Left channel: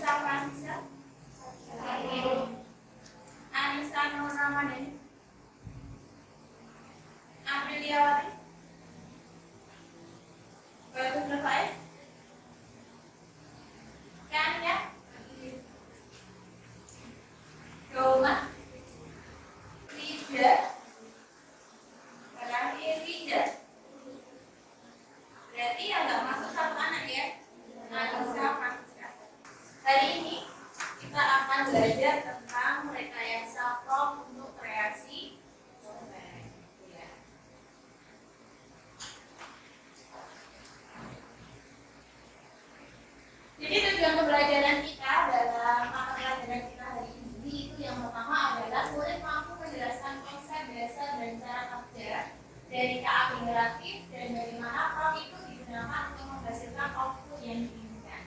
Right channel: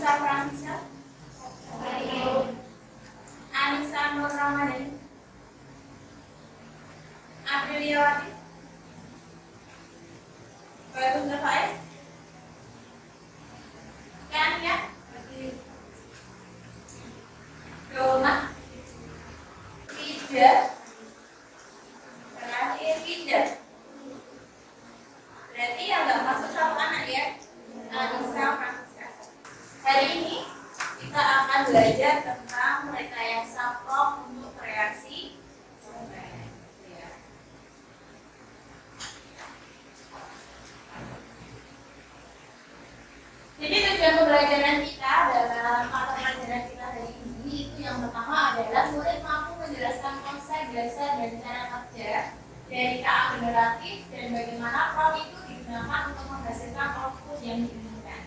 Anissa Francisca, Anissa Nur Ramadhani, Apriliawati, Bagus Faiz, Kania, Roma, Rida, terakhir Rida. Berarti yang nggak masuk satu anak ya, Anissa Francisca. Hari ini kita akan belajar tentang rekayasa prompt untuk kreasi konten. Ya. Jadi tujuan pembelajaran kita dalam mata pelajaran kita hari ini itu yang pertama adalah murid mampu menjelaskan konsep, dasar, dan cara kerja dari KA generatif dan bagaimana prompt itu digunakan untuk menghasilkan output yang diinginkan.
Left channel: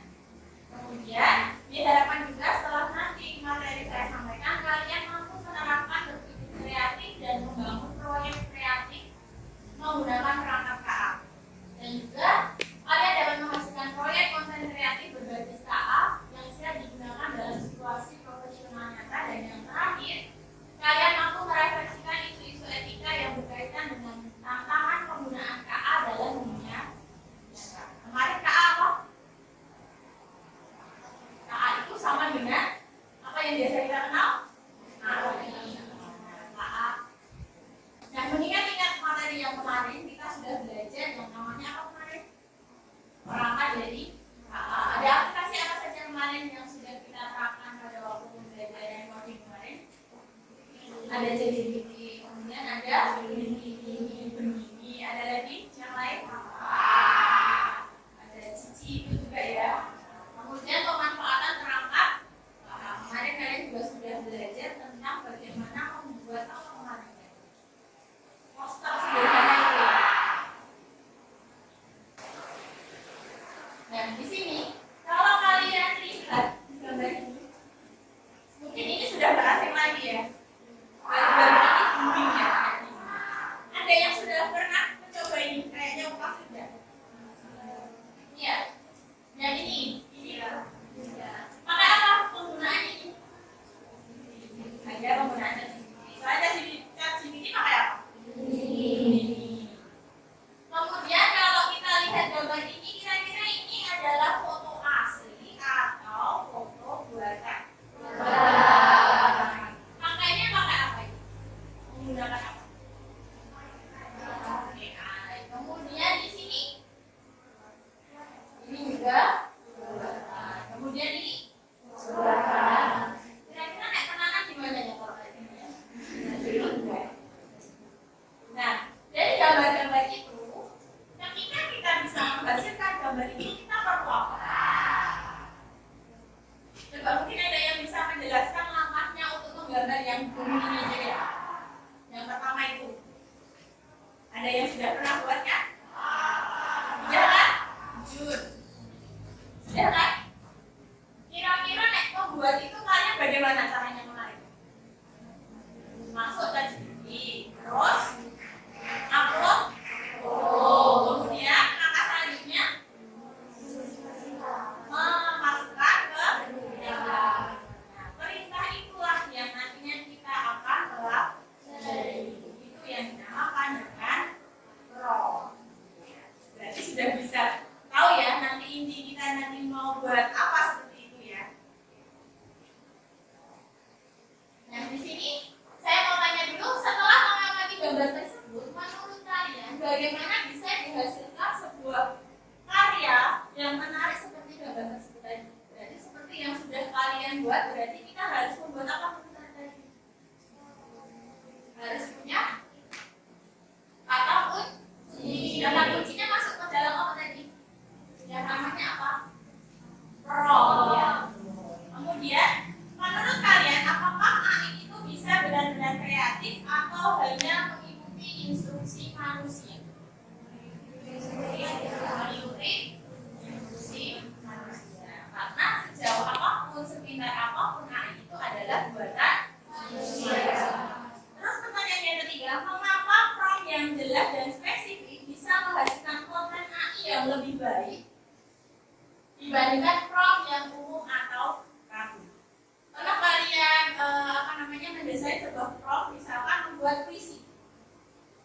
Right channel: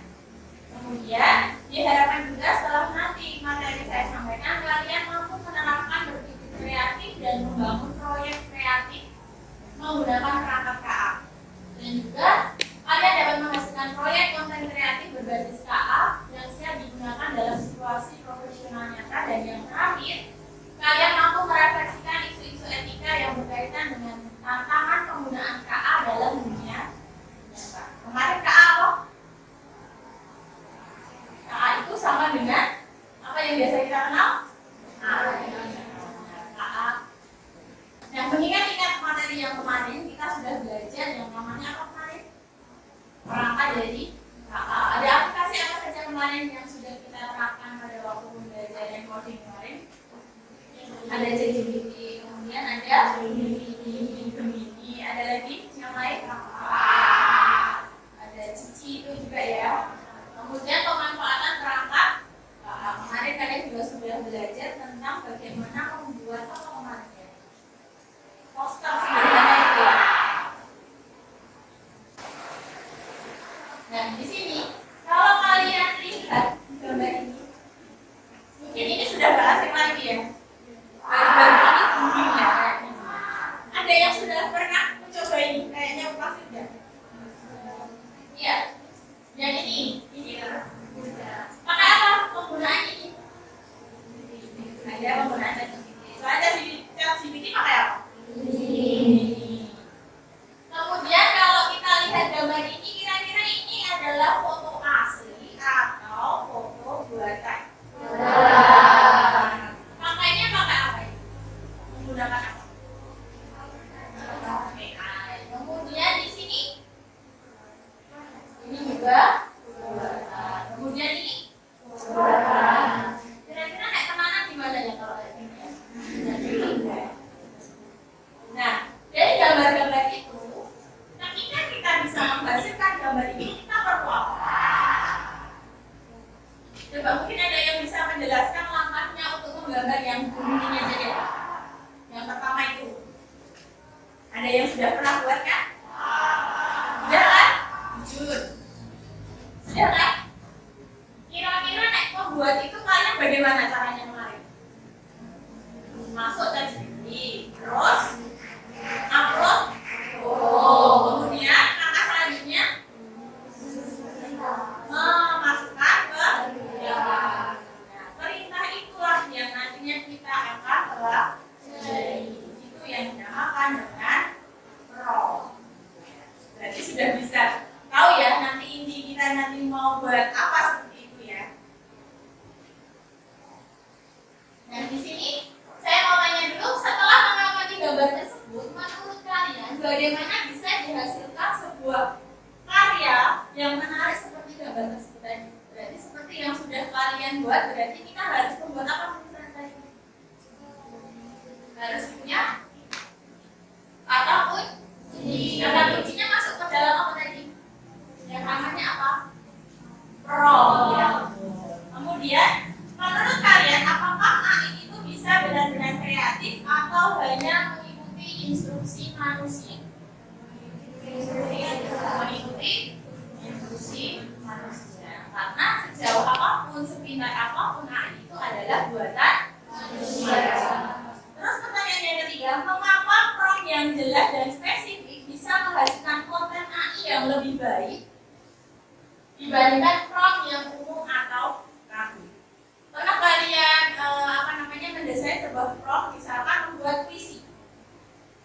Kemudian diharapkan juga setelah nanti materi saya sampaikan kalian mampu menerapkan berpikir kreatif dan membangun proyek kreatif menggunakan perangkat KA. Dan juga kalian dapat menghasilkan proyek konten kreatif berbasis KA yang siap digunakan dalam situasi profesional nyata. Dan yang terakhir, kalian mampu merefleksikan isu-isu etika yang berkaitan dengan tantangan penggunaan KA dalam dunia nyata. Kemarin KA apa? KA itu sama dengan apa yang biasa kita kenal? KA. Nah, mengingat materi yang kemarin kita sudah belajar yang namanya apa kemarin? Perangkat dari KA. Ada aplikasi apa saja kemarin yang sudah kita terapkan pada waktu pembelajaran coding kemarin? Ada ChatGPT, kemudian ada Gemini, ada lagi yang lain? Ada Cici itu juga ya. Kemudian pemanfaatan perangkat kemarin kalian juga sudah belajar tentang bagaimana membuat apa kemarin ya? Poster sederhana itu ya. Nah, di sini kalau kalian lihat gambar ini, mungkin ini sudah nggak asing lagi ya. Baru-baru ini booming ya kayak gini. Ada yang sudah pernah mencoba ini? Kayaknya pasti sudah. Iya. Yang ini kan? Pakai apa penggunaan ini? Ada penggunaan ChatGPT. Soalnya ChatGPT pakai apa? Kemudian kalau kita lihat gambar ini, kira-kira ini adalah foto asli atau foto buatan? Pakainya pakai apa ini? Menggunakan apa? AI. Kemudian di sini ini juga buatan. Kemudian ini buatan. Kira-kira naik kemana gimana ya kalau kayak gini ya? Nah, dari gambar-gambar itu, ketika kita bisa menghasilkan gambar ini, kita perlu apa? Coba mungkin ada yang bisa menjelaskan langkahnya untuk menggambar yang ini aja ya. Yang pertama itu, ada yang sudah pernah buat kan? Sudah kan? Jujur. Sudah kan? Kira-kira nek membuat itu kalian bagaimana caranya kemarin? Masuk ChatGPT, terus upload foto, kemudian langkah selanjutnya memasukkan ke dalam. Nah, perintah itulah yang nantinya kita akan pelajari. Itu yang dinamakan dengan prompt. Berarti sudah bisa tahu ya nanti inti kita nanti mau buat apa seperti itu ya. Nah, di sini saya mau tanya dulu, setelah mengamati gambar tersebut, menurut kalian bagaimana bisa dihasilkan sebuah karya yang menarik seperti gambar tersebut tadi? Berarti seperti yang sudah kalian buat, berarti kita harus membuat apa tadi? Harus punya kata kunci. Kata kuncinya masuk ke dalam apa tadi? Yang namanya apa? Prompt ya. Kemudian menurut kalian apakah AI itu bisa benar-benar kreatif atau hanya mengikuti instruksi manusia? Mengikuti instruksi manusia. Karena sejauh apapun, sepintar apapun AI itu adalah buatan manusia. Terus pertanyaan yang ketiga, mengapa prompt yang jelas dan spesifik bisa menghasilkan konten AI yang lebih baik dibandingkan prompt yang umum atau membuat puisi?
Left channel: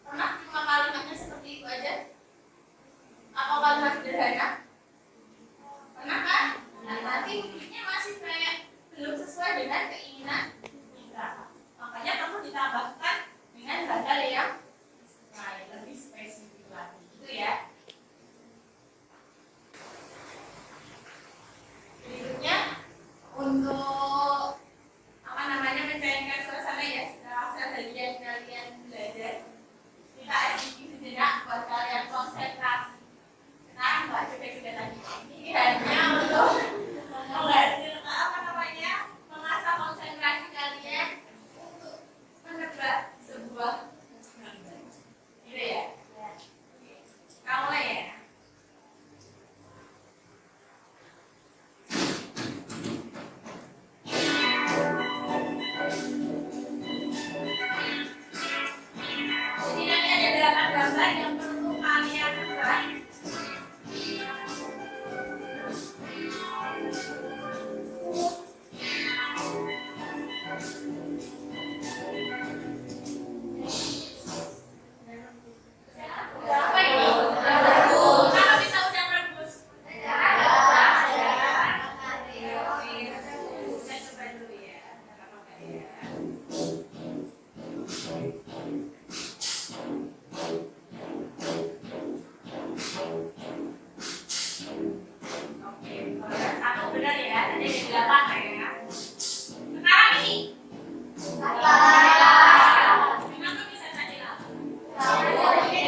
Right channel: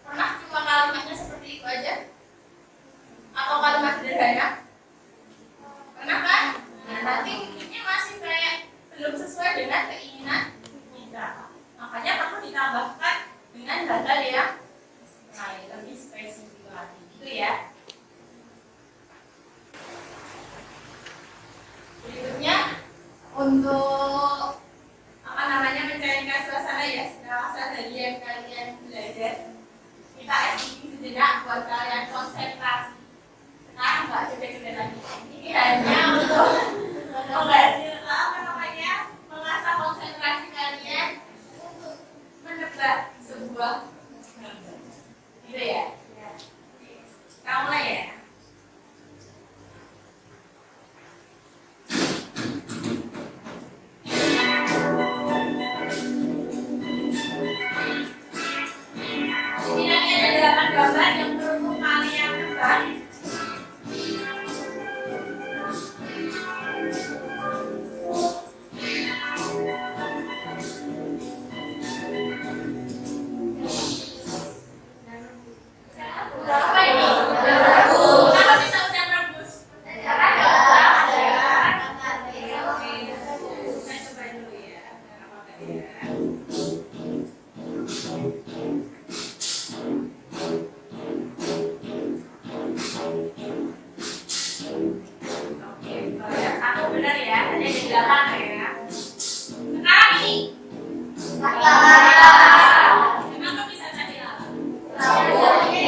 Pernah cuma kalimatnya seperti itu aja? Atau kalimat sederhana? Pernah kan? Nah, nanti mungkinnya masih kayak belum sesuai dengan keinginan kita. Makanya perlu ditambahkan dengan hal-hal yang lain, lebih spesifik lagi. Gitu ya. Berikutnya untuk mencairkan suasana ya, setelah seharian kalian belajar, kita activity sejenak buat kalian konsentrasi. Sekarang nggak coba-coba lagi. Ini hanya untuk mengasah konsentrasi kalian untuk menebak sebuah gambar. Gitu ya? Kita mulai ya. Gambar yang perlu kalian tebak. Berapa ini? Kenapa bisa udah merebus? Saya coba dulu ya. Satu benar ya, ada di 8 ya. Sekarang ini. Kenapa bisa jadi 8? Oke,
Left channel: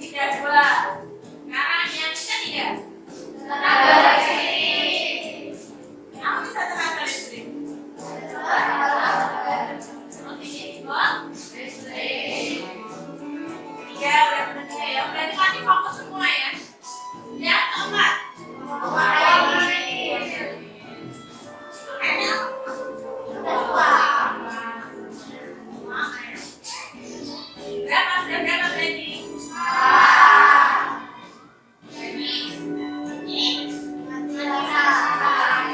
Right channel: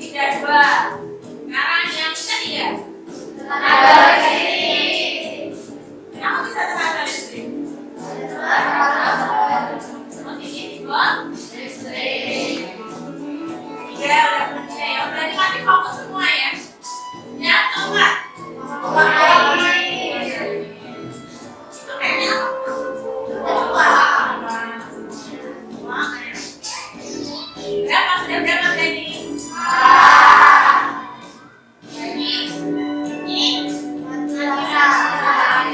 3-2. Sekarang yang tadi ya. Kenapa bisa tenaga listrik? Berarti masih fokus semua ya. Yang keempat. Berapa berarti? Jadi ini bukan batu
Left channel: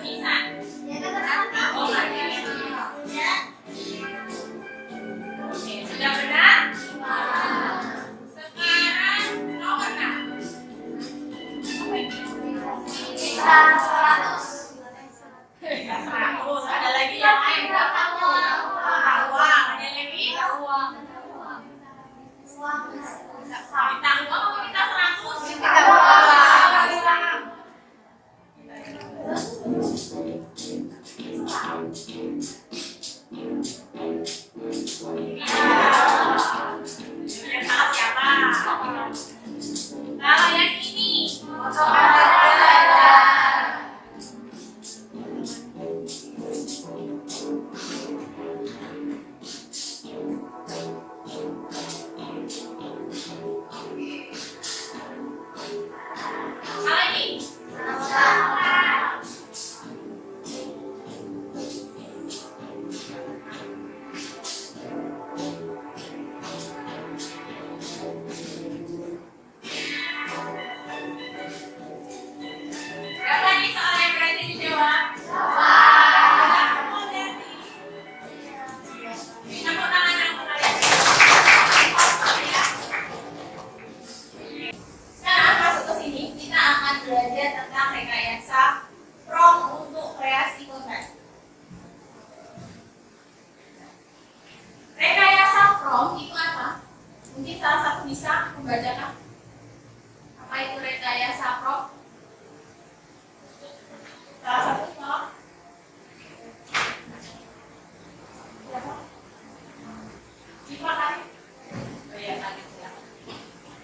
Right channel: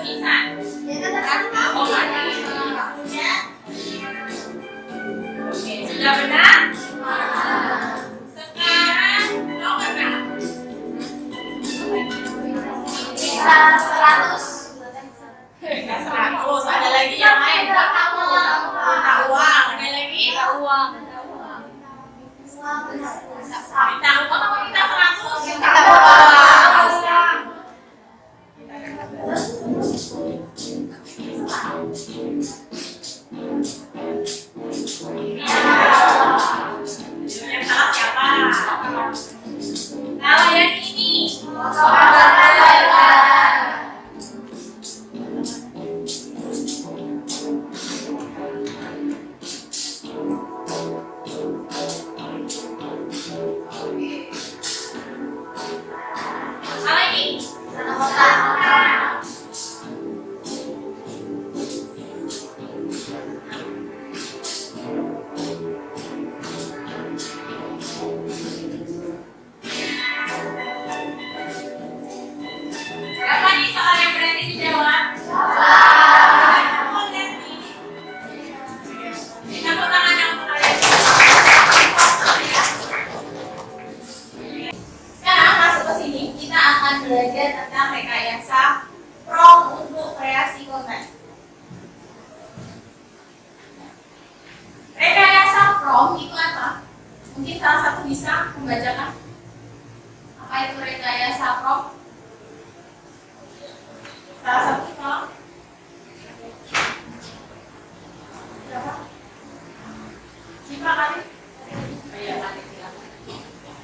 nisan. Oke, sudah benar? Sekarang nomor 6. Bisa 100. Enggak 100, ada lagi yang lain. Minta uang, ada lagi? Minta uang. Minta uang apa minta 100? Minta uang. Yang salah siapa? Kalau yang ini. Salah ini. Siapa nih soal yang berani dijawab? Tepuk tangan yang kalian. Sekarang masuk ke sini, kita akan belajar tentang rekayasa prompt untuk kreasi konten. Rekayasa prompt itu apa? Mungkin salah satu bisa membacakan. Apa itu rekayasa prompt? Salah satu tolong. Berapa? Cipta kali? Oh iya, kali.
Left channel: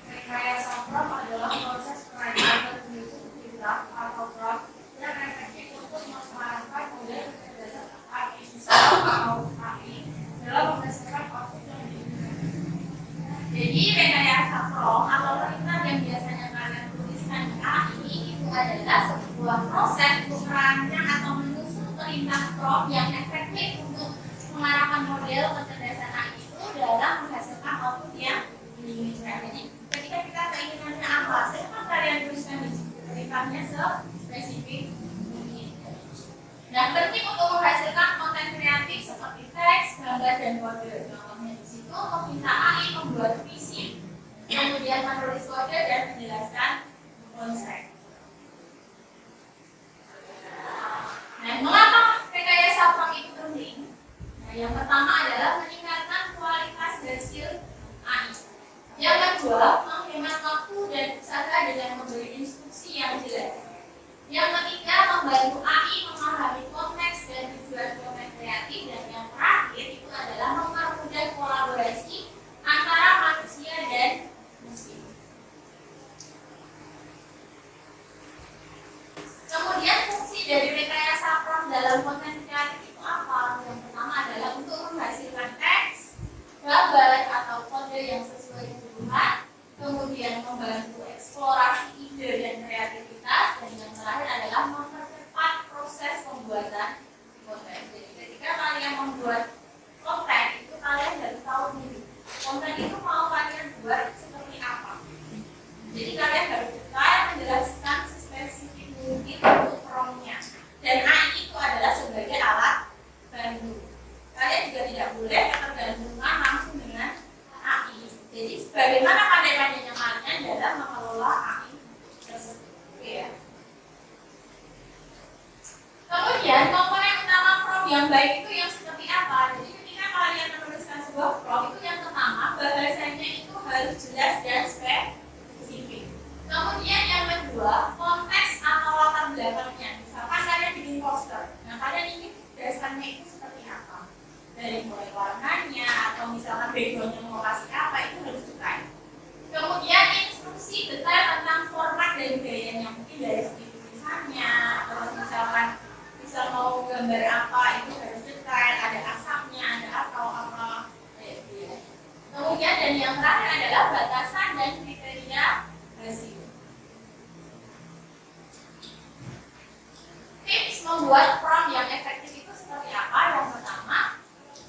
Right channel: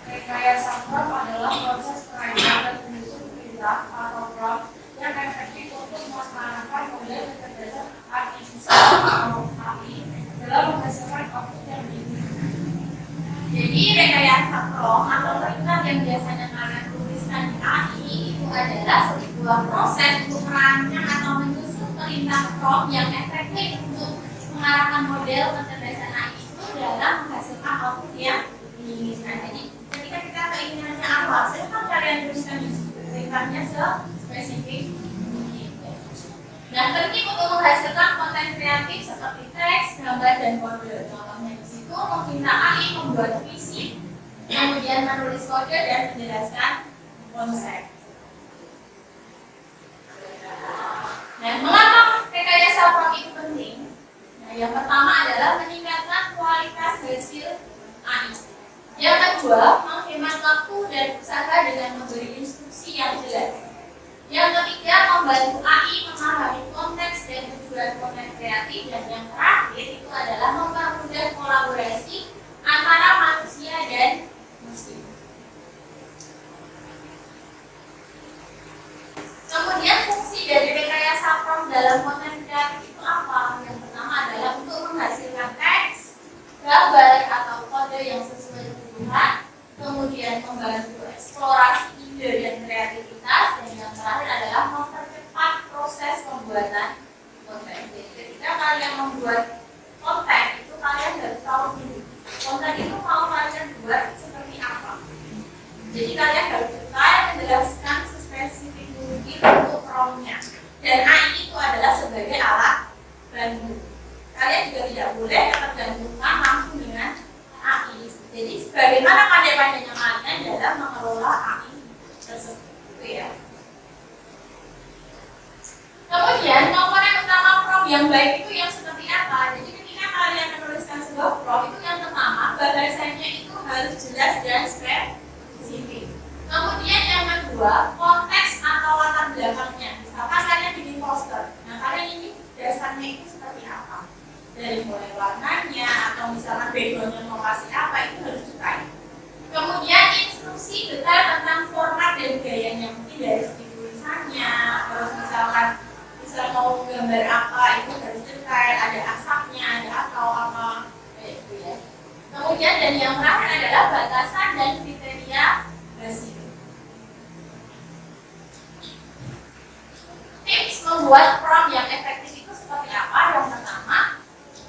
Rekayasa prompt adalah proses perencanaan penyusun perintah atau prompt yang efektif untuk memanfaatkan model kecerdasan artifisial atau AI dalam menghasilkan output yang diinginkan. Jadi rekayasa prompt atau perintah yang biasanya kalian tuliskan di AI itu adalah sebuah proses untuk merancang atau menyusun perintah prompt yang efektif untuk mengarahkan model kecerdasan AI itu dalam menghasilkan output yang diinginkan. Jadi ketika kita keinginannya apa, silahkan kalian tuliskan di perintahnya spesifik meminta AI membuat visi, kemudian menulis kode dan menjelaskan konsep. Nah, mengapa rekayasa prompt itu penting? Nah, yang pertama adalah meningkatkan kualitas hasil AI. Yang kedua, menghemat waktu dan usaha dengan memberi instruksi yang jelas. Yang ketiga, membantu AI memahami konteks dan tujuan konten kreatif. Dan yang terakhir itu adalah mempermudah kolaborasi antara manusia dan mesin. Kemudian fungsi dari rekayasa prompt dalam konten kreatif itu apa? Yang pertama adalah untuk menghasilkan teks, gambar atau kode yang sesuai kebutuhan, kemudian membantu eksplorasi ide dan kreativitas, dan yang terakhir adalah mempercepat proses pembuatan konten. Jadi ketika kalian membuat konten itu kalian harus tahu dulu konten itu mau kalian buat seperti apa. Jadi kalian harus detail menjelaskan sespesifik mungkin untuk prompt-nya. Dan AI itu adalah sebagai alat bantu. Kalian juga tidak boleh ketergantungan langsung dengan AI. Jadi bagaimana pandai-pandainya kalian dalam mengelola AI tersebut, gitu ya. Kemudian komponen utama prompt yang baik itu yang seperti apa? Jadi ketika kalian menuliskan sebuah prompt itu yang pertama bahasanya itu harus jelas dan spesifik. Kemudian yang kedua konteks atau latar belakangnya. Misalkan kalian bikin poster, nah kalian ingin dasarnya itu seperti apa? Dari mulai warnanya atau misalkan backgroundnya mau kasih apa itu harus detail. Kemudian instruksi detail tentang format dan gayanya, mungkin dari segi tulisannya, terus misalkan mau gambar apa itu harus detail, ada asapnya, ada atau apa kayak gitu ya. Kemudian dan yang terakhir adalah batasan dan kriteria hasil. Tips membuat prompt yang efektif itu seperti apa? Yang pertama,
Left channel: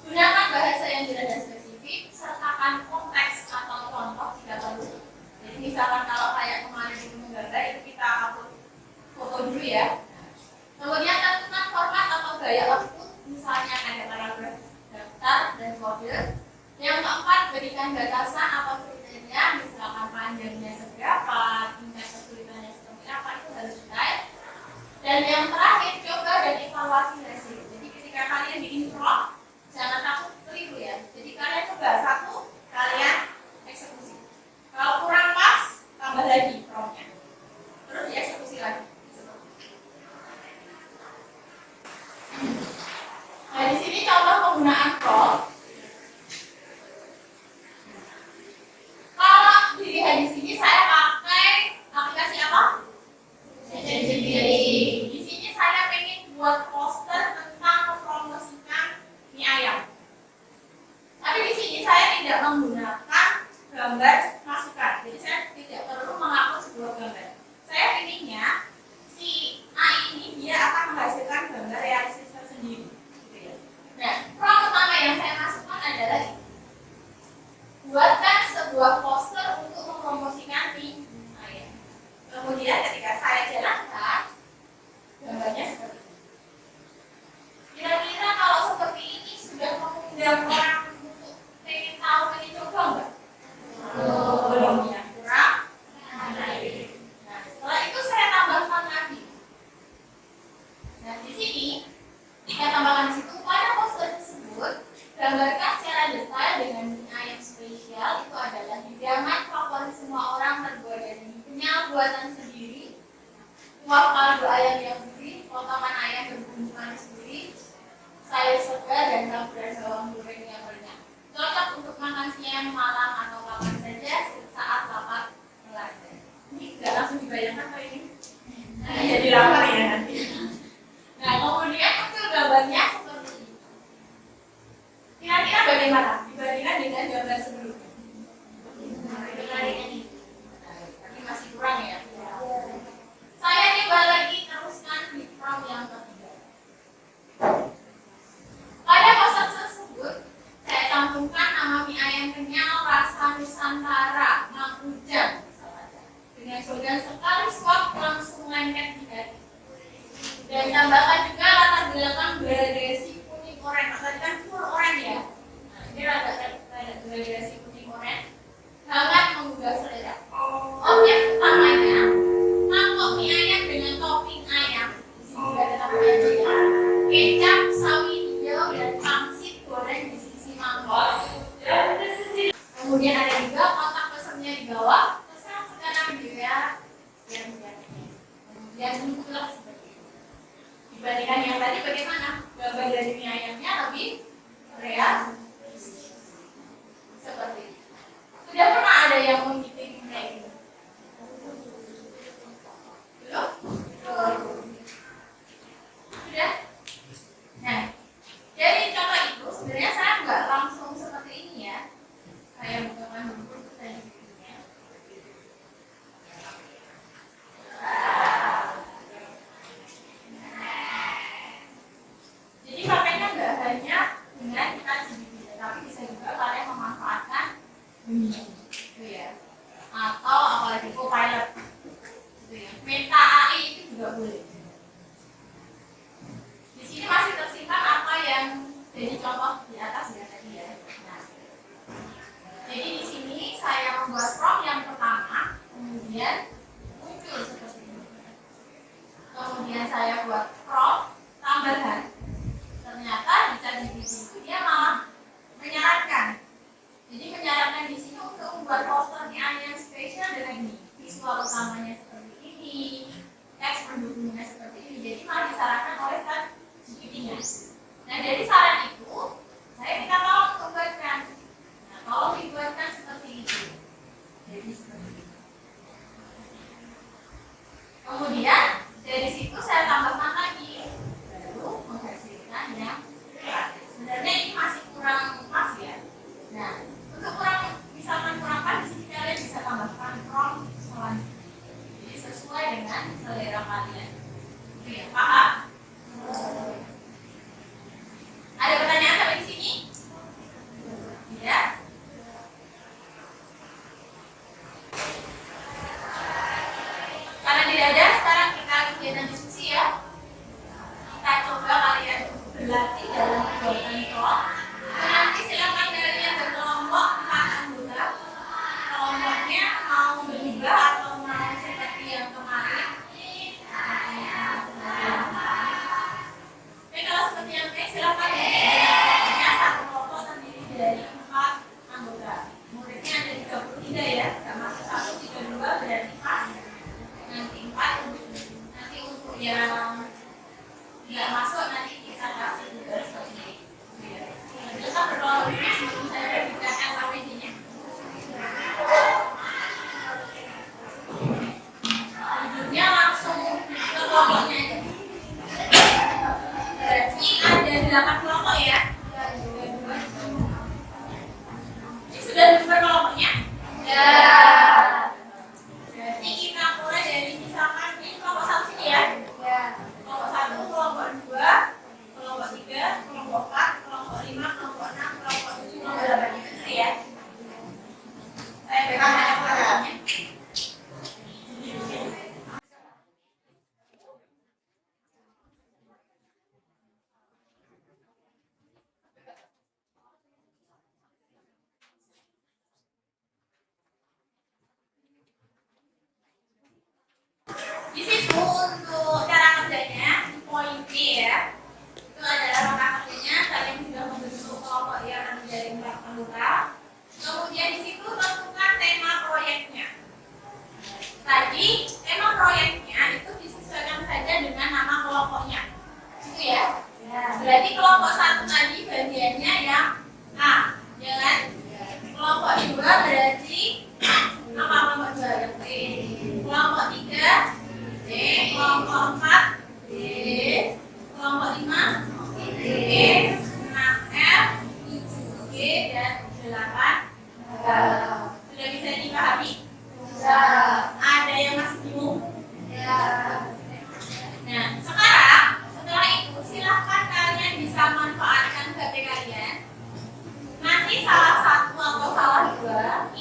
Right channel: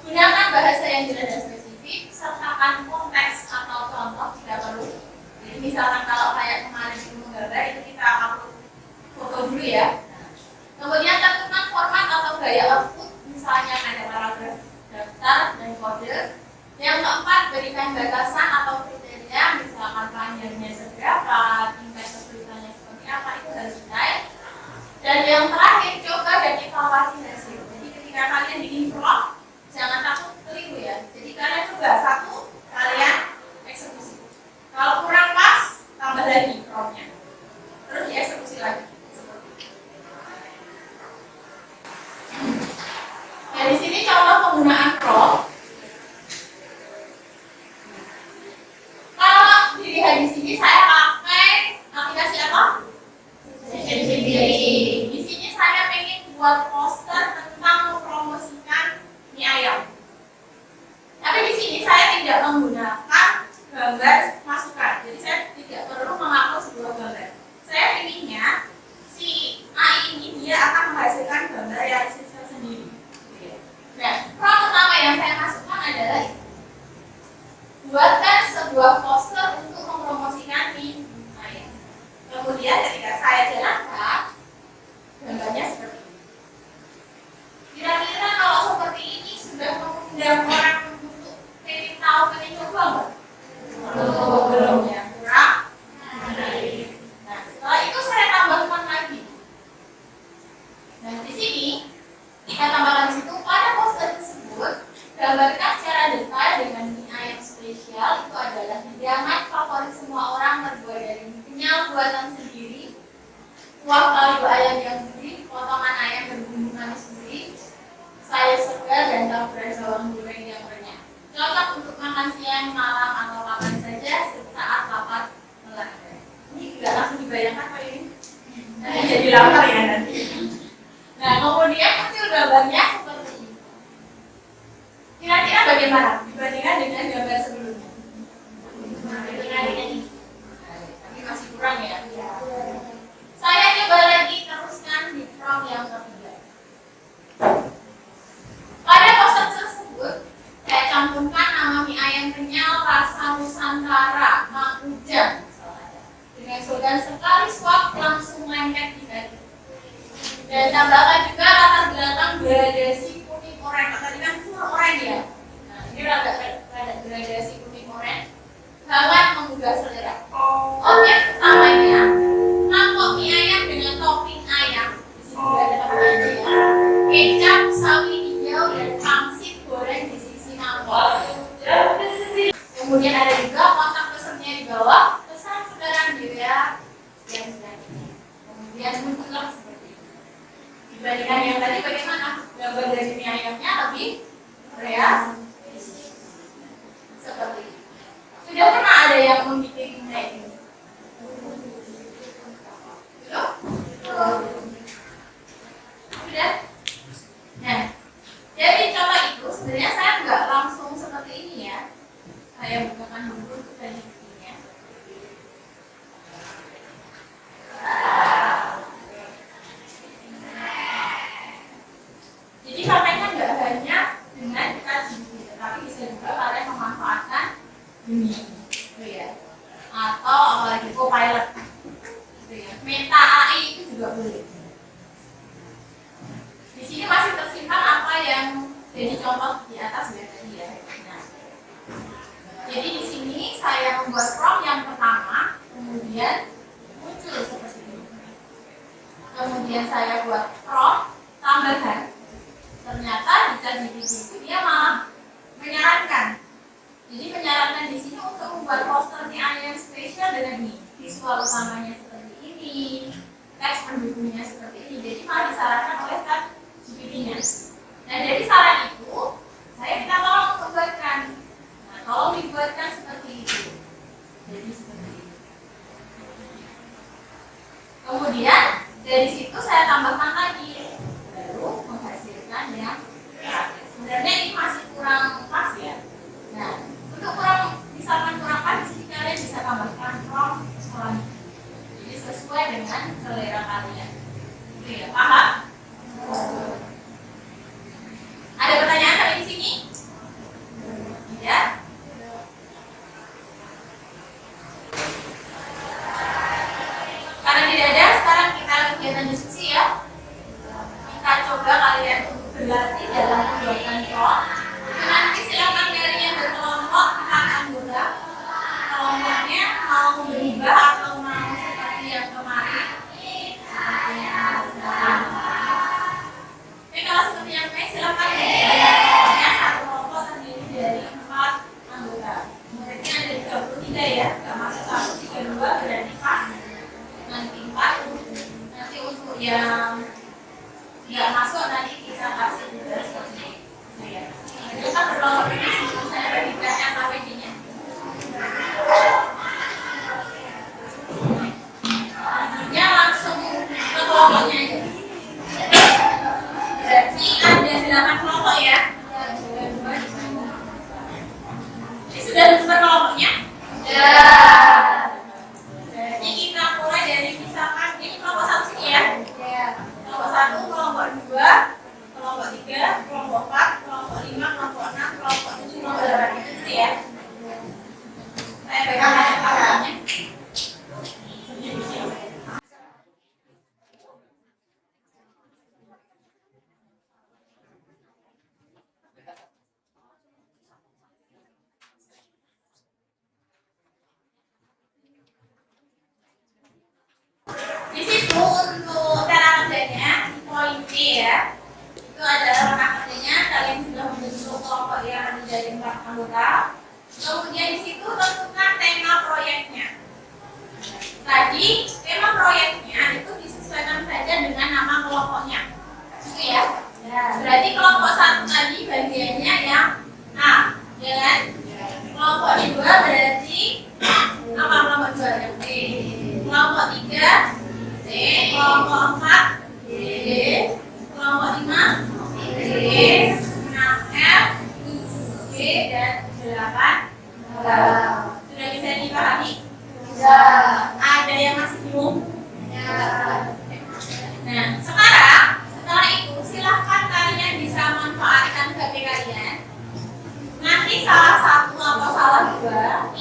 gunakan bahasa yang jelas dan spesifik, sertakan konteks atau contoh jika perlu. Jadi misalkan kalau kayak kemarin itu menggambar itu kita upload foto dulu ya. Kemudian tentukan format atau gaya output, misalnya ada paragraf, daftar, dan kode. Yang keempat, berikan batasan atau kriteria, misalkan panjangnya seberapa, tingkat kesulitannya seperti apa, itu harus detail. Dan yang terakhir, coba dan evaluasi hasil. Jadi ketika kalian bikin prompt, jangan takut keliru ya. Jadi kalian coba satu, kalian eksekusi. Kalau kurang pas, tambah lagi promptnya. Terus dieksekusi lagi. Nah di sini contoh penggunaan prompt. Kalau dilihat di sini saya pakai aplikasi apa? Di sini saya pengen buat poster tentang mempromosikan mie ayam. Tapi di sini saya tidak menggunakan gambar masukan. Jadi saya tidak perlu mengupload sebuah gambar. Saya inginnya si AI ini dia akan menghasilkan gambar realistis tersendiri. Nah, prompt pertama yang saya masukkan adalah ini. Buatkan sebuah poster untuk mempromosikan mie ayam. Kemudian ketika saya jalankan, gambarnya seperti ini. Kira-kira kalau seperti ini sudah mengundang orang untuk pengen tahu, pengen coba nggak? Belum ya, kurang. Nah, setelah itu saya tambahkan lagi. Nah, di sini saya tambahkan di situ pada poster tersebut gambarkan secara detail dengan mie ayam spesial itu adalah hidangan favorit semua orang terbuat dari kenyal buatan sendiri, kuah kaldu ayam yang gurih, potongan ayam berbumbu manis gurih, sayur segar dan taburan bawang goreng yang renyah. Cocok untuk makan siang, malam atau kapan saja saat lapar melanda. Ini nggak langsung dibayangkan Pak ini? Nanti jadi lapar ya nanti. Nah kemudian muncul gambarnya seperti ini. Kira-kira bagaimana dibandingkan dengan gambar sebelumnya? Dengan ini. Tapi masih kurang ya. Saya coba lagi teruskan di prompt yang ketiga. Pada poster tersebut saya cantumkan nama mie ayam kenyal rasa Nusantara Mang Ujang dengan slogan sekali suap langsung lengket di hati. Dan tambahkan juga latar belakang gradasi kuning oranye. Tadi kan full oranye ya. Nah, Ini rada gradasi kuning oranye sangat menggugah selera. Objek utamanya mangkok mie ayam dengan topping ayam. Di sini juga ada topping ayam ya. Kecap, sawi hijau dan pangsit goreng di sisi mangkok. Kemudian ada juga kontak pesannya di bawah. Pesan sekarang juga dan sebagainya. Kemudian muncullah seperti ini. Dibandingkan yang tadi bagaimana? Gambar dari mie ayamnya lebih real seperti ini. Sudah pernah ada yang membuat kayak ini? Belum? Sudah? Nah, dari contoh itu sebenarnya saya nggak langsung seperti ini ya. Saya bukakan dulu dan buktinya. Jadi pakainya nggak hanya dengan kita gigi, tetapi bisa juga kalian memanfaatkan ini, gitu ya. Atau apalagi Copilot, gitu ya. Meta AI itu juga boleh. Di sini masih tersimpan apa yang jadi contoh di atas ya tadi ya. Nah, jadi di sini saya membuat prompt yang pertama, kemudian muncul seperti ini. Kemudian saya buat prompt tambahan. Ternyata di ChatGPT itu dia malah menyarankan. Jadi menyarankan di sini untuk membuat posternya yang spesial dengan ini, visual utamanya seperti ini, teks pendukungnya seperti ini. Jadi malah disarankan oleh ChatGPT-nya. Nah dari saran itu, saya minta tolong untuk buatkan. Nah tolong dibuatkan seperti itu. Jadi seperti ini. Kemudian dari situ saya tambahkan lagi, baru menghasilkan yang terakhir. Sebenarnya ini masih kurang pas ya. Nah, untuk misalkan kurang pas, di sini kalian bisa tambahkan prompt selanjutnya. Jadi sesuai dengan selera kalian. Itu ya, paham? Ada pertanyaan sampai di sini? Tidak? Karena tidak ada, sekarang kita kegiatan diskusi ya. Kita coba kalian untuk berlatih dalam pembuatan prompt. Nanti silakan kalian berkelompok empat anggota. Kelompoknya mau berubah atau mau seperti yang kemarin. Tapi kalau seperti yang kemarin silakan kelompoknya satu kelompok terdiri dari 4 anggota. Muridnya ada 33 ya, nggak masuk 1, 3, 2 berarti pas. Nanti 4. Nanti untuk yang nggak masuk nanti kita kasih tugas seperti itu ya. Itu kan berkelompok ini sebelum saya bagikan LKPD-nya. Tidurnya langsung ke kelompoknya aja. Berarti ada 8 kelompok ya. Ini sudah dibuat kelompoknya? Ya. Jadi kita mulai dari misalkan ini kelompok 1 sini ya. Kelompok 1, kelompok 2, kelompok 3, kelompok 4, kelompok 5, kelompok 6, kelompok 7, kelompok 8 gitu ya. Saya berikan ayat-ayatnya. Di situ untuk cara kerjanya di poin B ya, itu adalah langkah kerjanya. Kalian sudah membentuk kelompok yang terdiri dari 4 anggota. Kemudian di situ tentukan tema proyeknya. Tadi tema proyeknya itu disesuaikan saja dengan nama kelompoknya, gitu ya. Berarti kelompok 1 tadi bagiannya yang A, ya kan? Kelompok 2 berarti apa? Kelompok 2 yang B. Kelompok 3 D, kelompok 4 D, kelompok 5 D, 6 F, 7 G, dan 8 H. Sudah bisa dipahami? Sudah. Ada yang masih bingung? Ya. Nah, setelah itu silahkan kalian bisa manfaatkan HP kalian. Nanti salah satu atau salah dua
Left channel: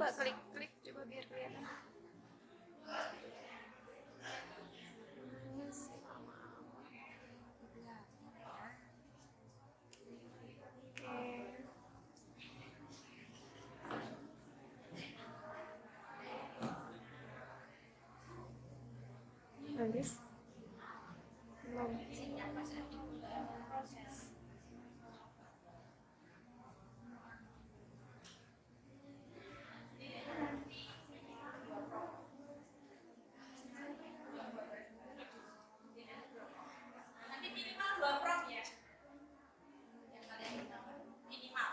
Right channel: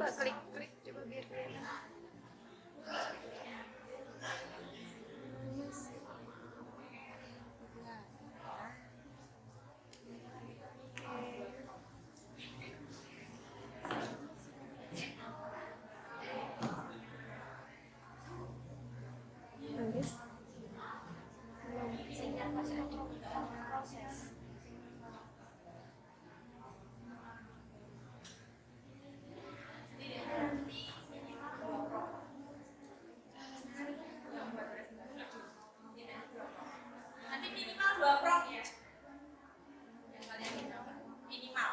Coba klik coba biar kelihatan. Nulis belum proses. Nanti minimal 2 prong ya. Yang kalian berapa? Minimal.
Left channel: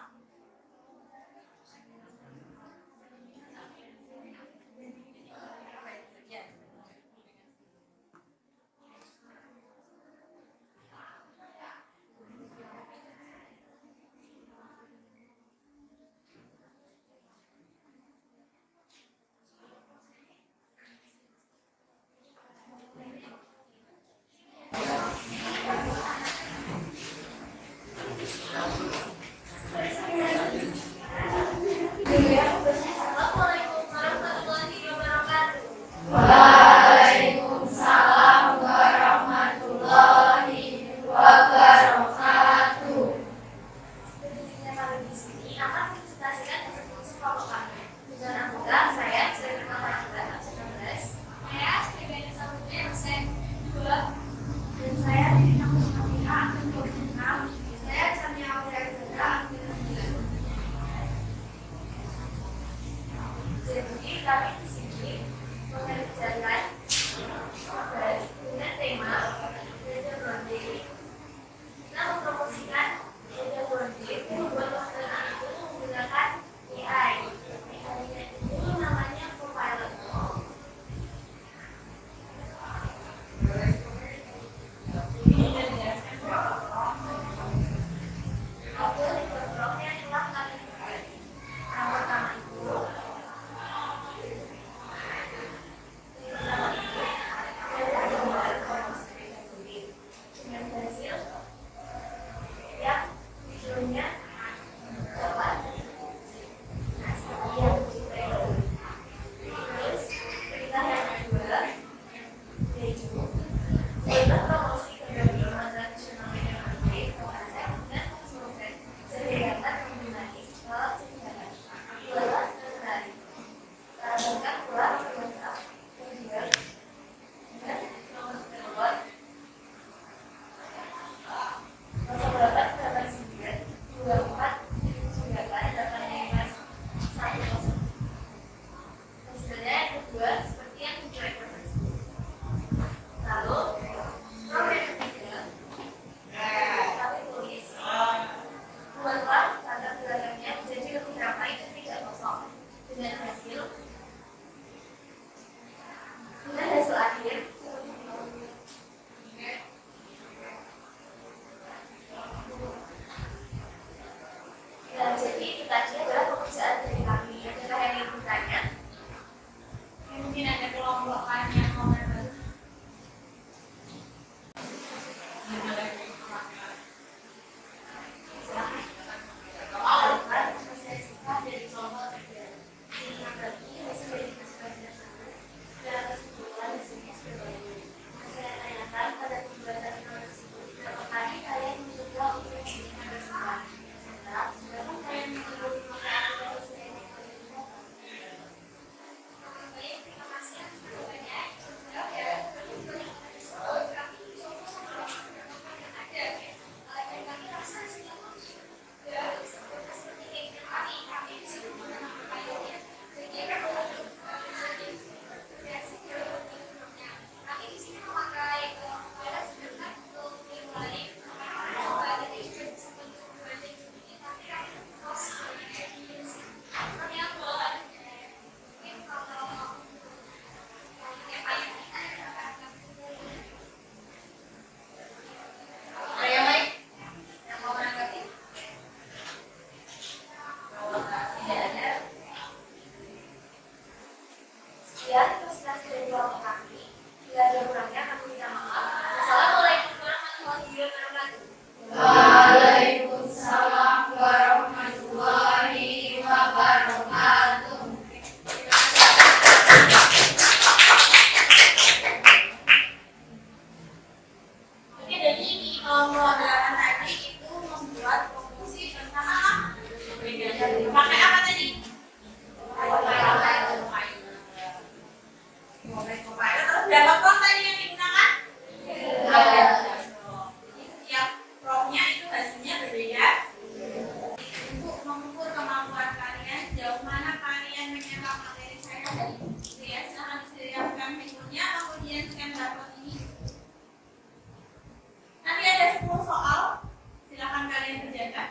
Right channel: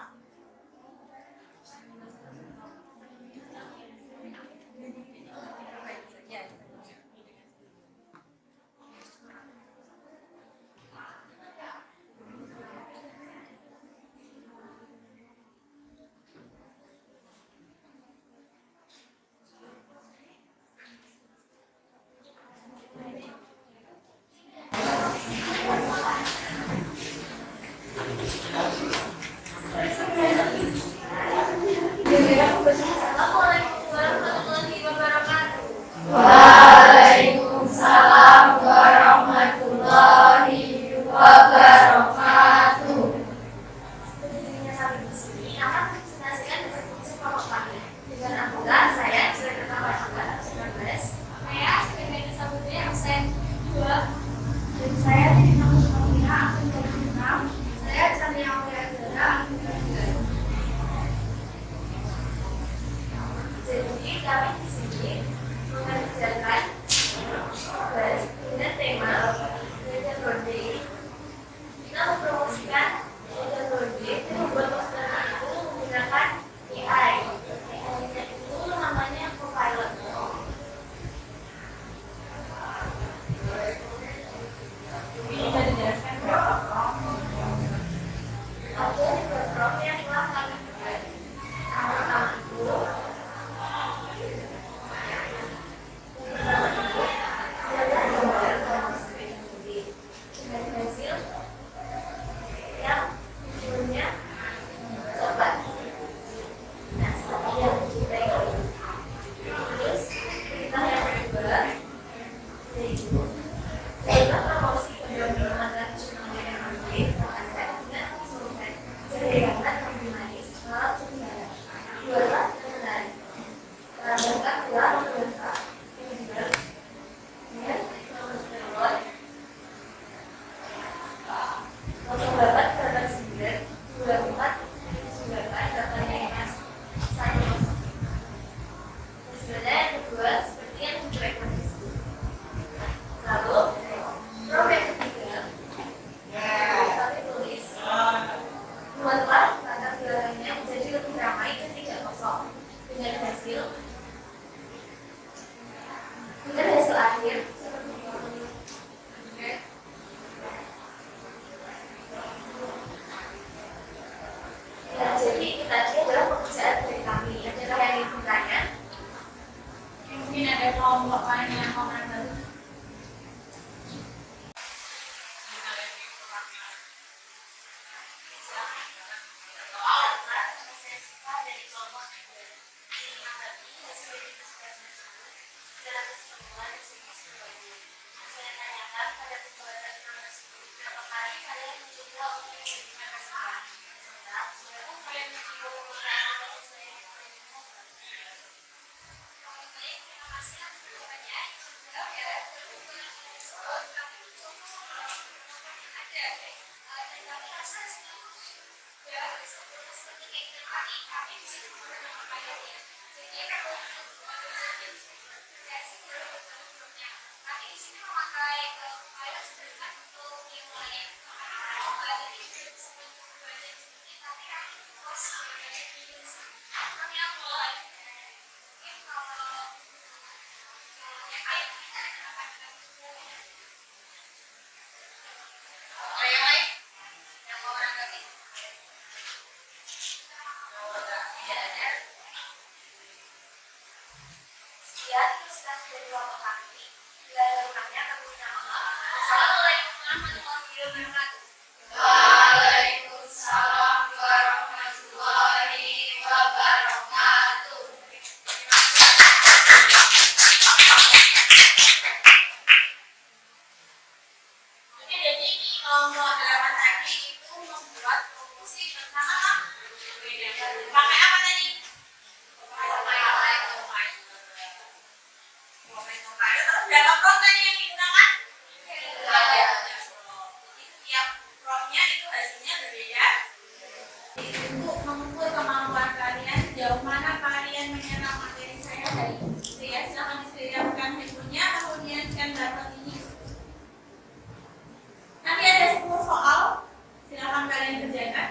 Assalamualaikum warahmatullahi wabarakatuh. Waalaikumsalam warahmatullahi wabarakatuh. Berdirinya kami di sini akan mempresentasikan hasil kelompok kami. Dengan anggota saya sebagai ketua anggota 19, saya sebagai Samudra absen 2, dan saya dari kampus Kamira absen 26, saya Samia Mulyadara absen 9. Jadi kami di sini mengerjakan tugas dengan tema Legend Birthday. Kita mempromosikan Legend Birthday dan membuat poster itu menggunakan AI. AI-nya itu namanya Copilot. Ini bisa dijelaskan berapa prompt? Ada 2 prompt yang telah kami buat. Yang pertama itu dengan hasil yang judulnya cepat. Nah, seperti yang kita ini. Terus berita yang kedua yaitu adalah promosi kedua tradisional yang berbeda konsep dan mengusulkan sederhana lebih manis kalau sebenarnya jualan menarik. Bangga keluar berusaha yang juga dengan nomor telepon 0889247885 Hasilnya yang kedua seperti yang dijelaskan tersebut. Lalu prompt yang ketiga kami tulis buatlah latar belakangnya menjadi lebih ramai dan tidak kosong dengan hasil akhir seperti ini. Ya, jadi itu tadi adalah pekerjaan dari kami. Adalah yang ingin bertanya. Mungkin ada kelompok lain yang mau menambah. hari ini. Gitu ya, silahkan disediakan handphonenya, kemudian scan barcode ini. Nanti ada 10 soal, silahkan kalian kerjakan.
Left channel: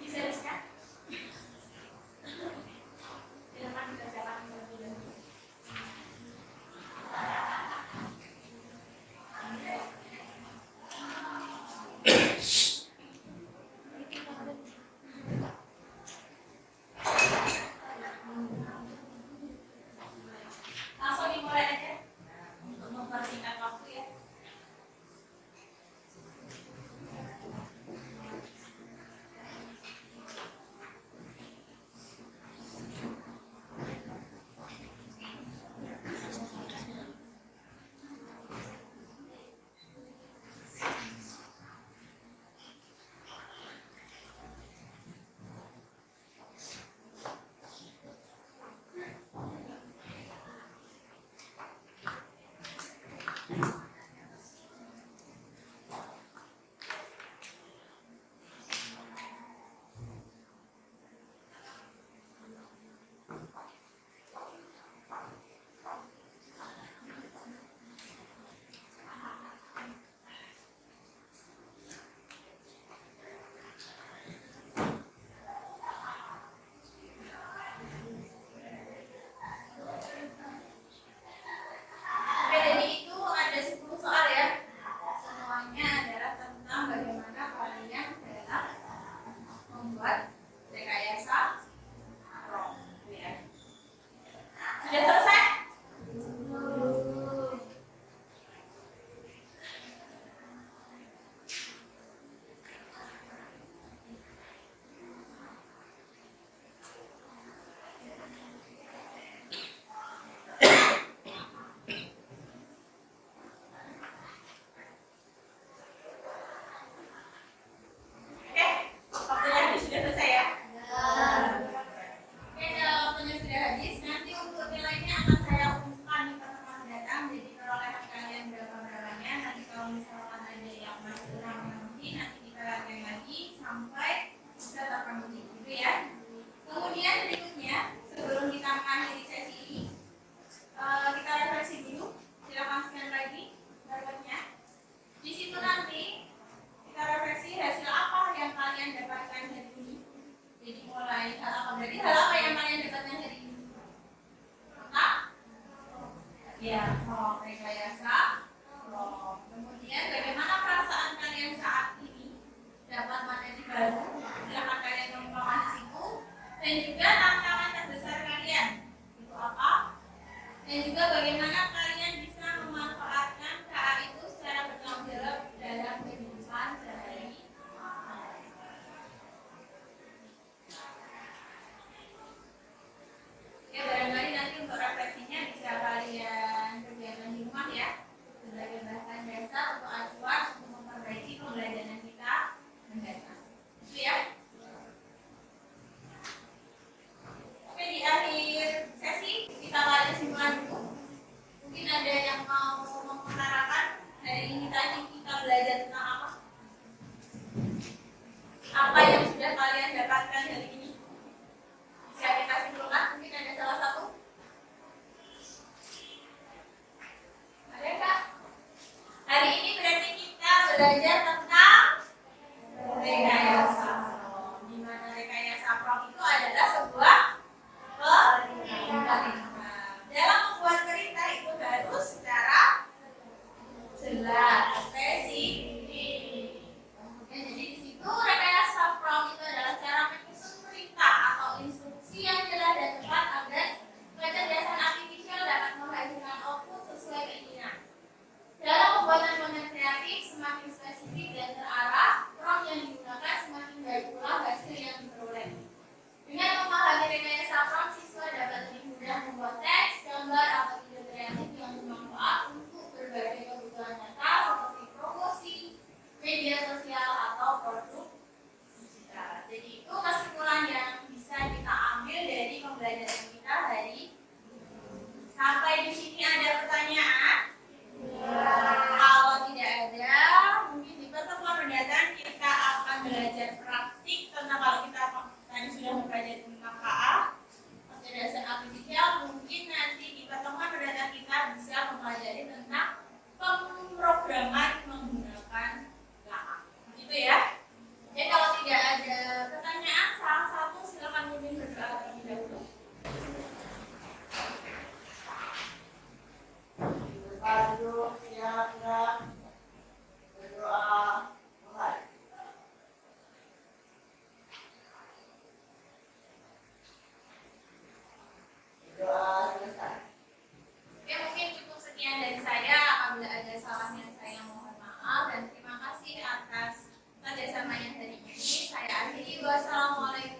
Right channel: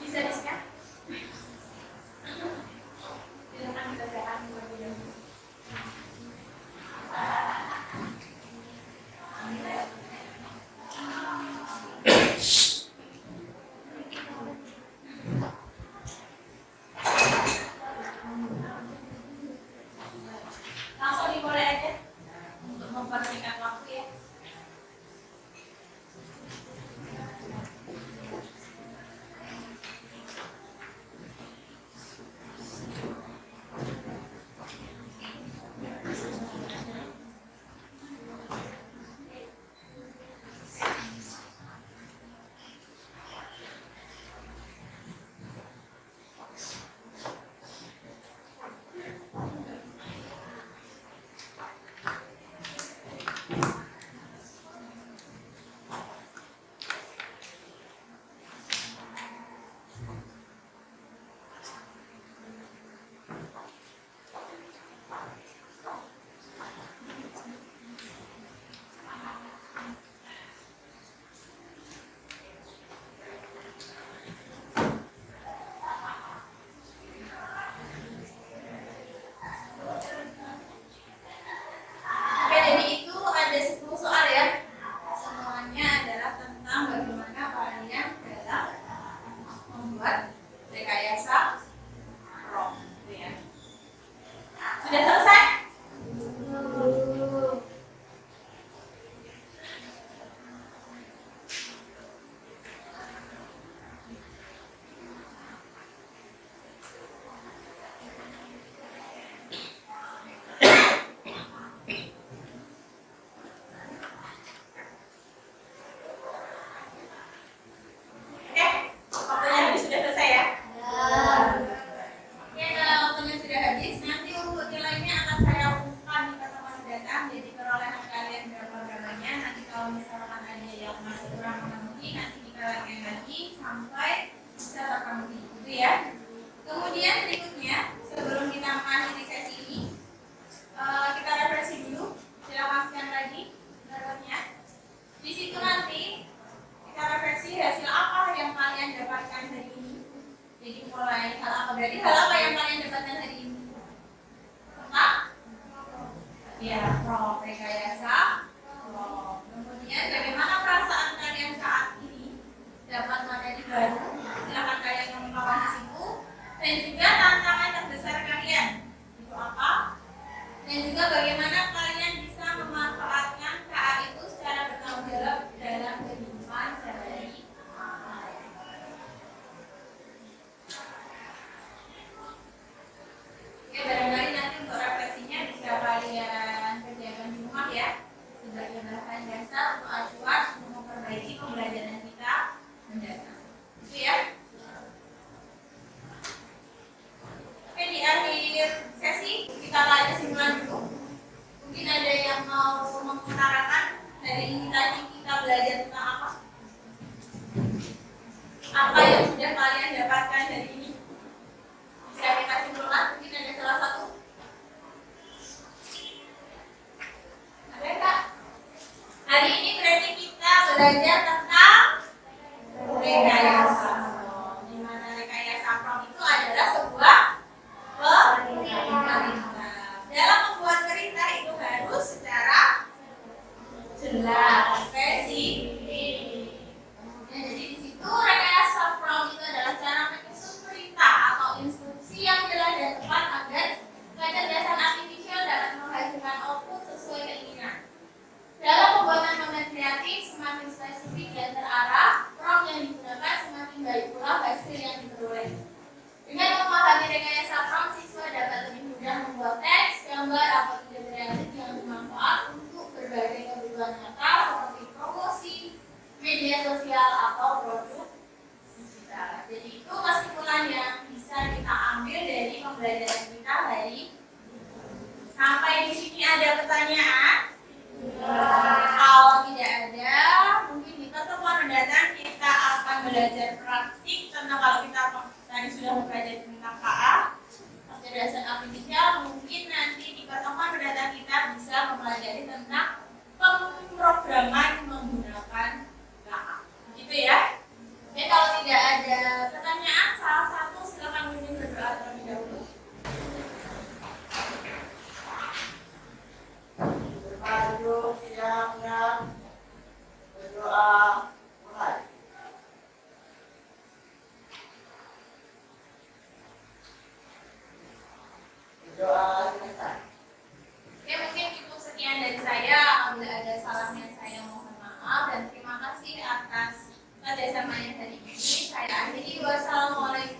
Bisa di-scan? Silahkan dikerjakan terlebih dahulu. Langsung dimulai aja untuk mempersingkat waktu ya. Oke, jadi itu ada 10 soal ya. Semuanya adalah tentang bagaimana kalian dalam membuat rekayasa prom, gitu ya. Sudah selesai? Oke, waktunya sudah selesai ya. Oke, kalau waktunya sudah habis, nanti untuk nilainya akan saya umumkan di pertemuan mendatang. Jadi perolehan kalian berapa-berapanya. Nanti kalau misalkan ada yang masih kurang memenuhi, nanti kita latihan lagi sampai bisa terpenuhi, gitu ya. Kemudian berikutnya, sebelum kita mengakhiri sesi ini, kita refleksi dulu. Silakan scan lagi berikutnya. Di situ nanti kita refleksi hasil apa yang kalian dapatkan hari ini. Jadi mulai hal apa, berarti hal apa yang kalian dapatkan hari ini? Tentang ya, prom, rekayasa prom. Kemudian bagaimana perasaan kalian saat ini dapat materi baru? Silakan kalian mengungkapkan di situ. Dan juga tantangan terbesar kalian itu apa? Dan juga bagaimana kalian bisa memanfaatkan KA itu secara bertanggung jawab dalam kehidupan sehari-hari. Oke, barangkali nanti untuk refleksinya bisa kalian kerjakan di rumah ya, sebagai bahan dasar untuk acuan untuk memperbaiki pembelajaran kita mendatang. Itu ya. Oke, di akhir sesi kita ada kesimpulan dulu. Mungkin ada yang mau mengutarakan hari ini tadi kita belajar tentang apa? Apa yang sudah kalian dapatkan hari ini? Bisa kita simpulkan, mungkin ada salah satu. Ada nggak? Hari ini berarti kita belajar tentang rekayasa prom. Di mana rekayasa prom itu adalah sebuah perintah. Dalam membuat perintah itu harus secara jelas, spesifik. Kemudian jadi di situ rekayasa prom itu adalah cara menyusun perintah atau instruksi yang jelas dan tepat agar kecerdasan artifisial dapat menghasilkan output sesuai keinginan. Dalam pembuatan konten kreatif semakin spesifik dan terarah, prom yang digunakan semakin baik pula hasil yang diperoleh. Dengan memahami rekayasa prom, siswa dapat lebih mudah membuat teks, gambar, atau ide kreatif yang bermanfaat untuk berbagai kebutuhan nyata seperti promosi, media sosial, atau produk digital. pembelajaran kita hari ini. Sampai di sini ada pertanyaan? Kalau tidak ada, mungkin di pertemuan mendatang kita akan belajar praktik tentang, kalau kita tadi sudah mempelajari tentang KA, kecerdasan artifisial, mungkin nanti di pertemuan mendatang kita bisa mempelajari tentang pemrograman menggunakan KA. Begitu ya? Oke, kalau tidak ada pertanyaan, salah satu silakan mungkin berdoa terlebih dahulu. Berdoa siap-siap berdoa mulai. Berdoa selesai. Oke, mungkin cukup sekian dari saya. Apabila ada salahnya saya mohon maaf dan terima kasih atas kerjasamanya hari ini. Saya akhiri. Wassalamualaikum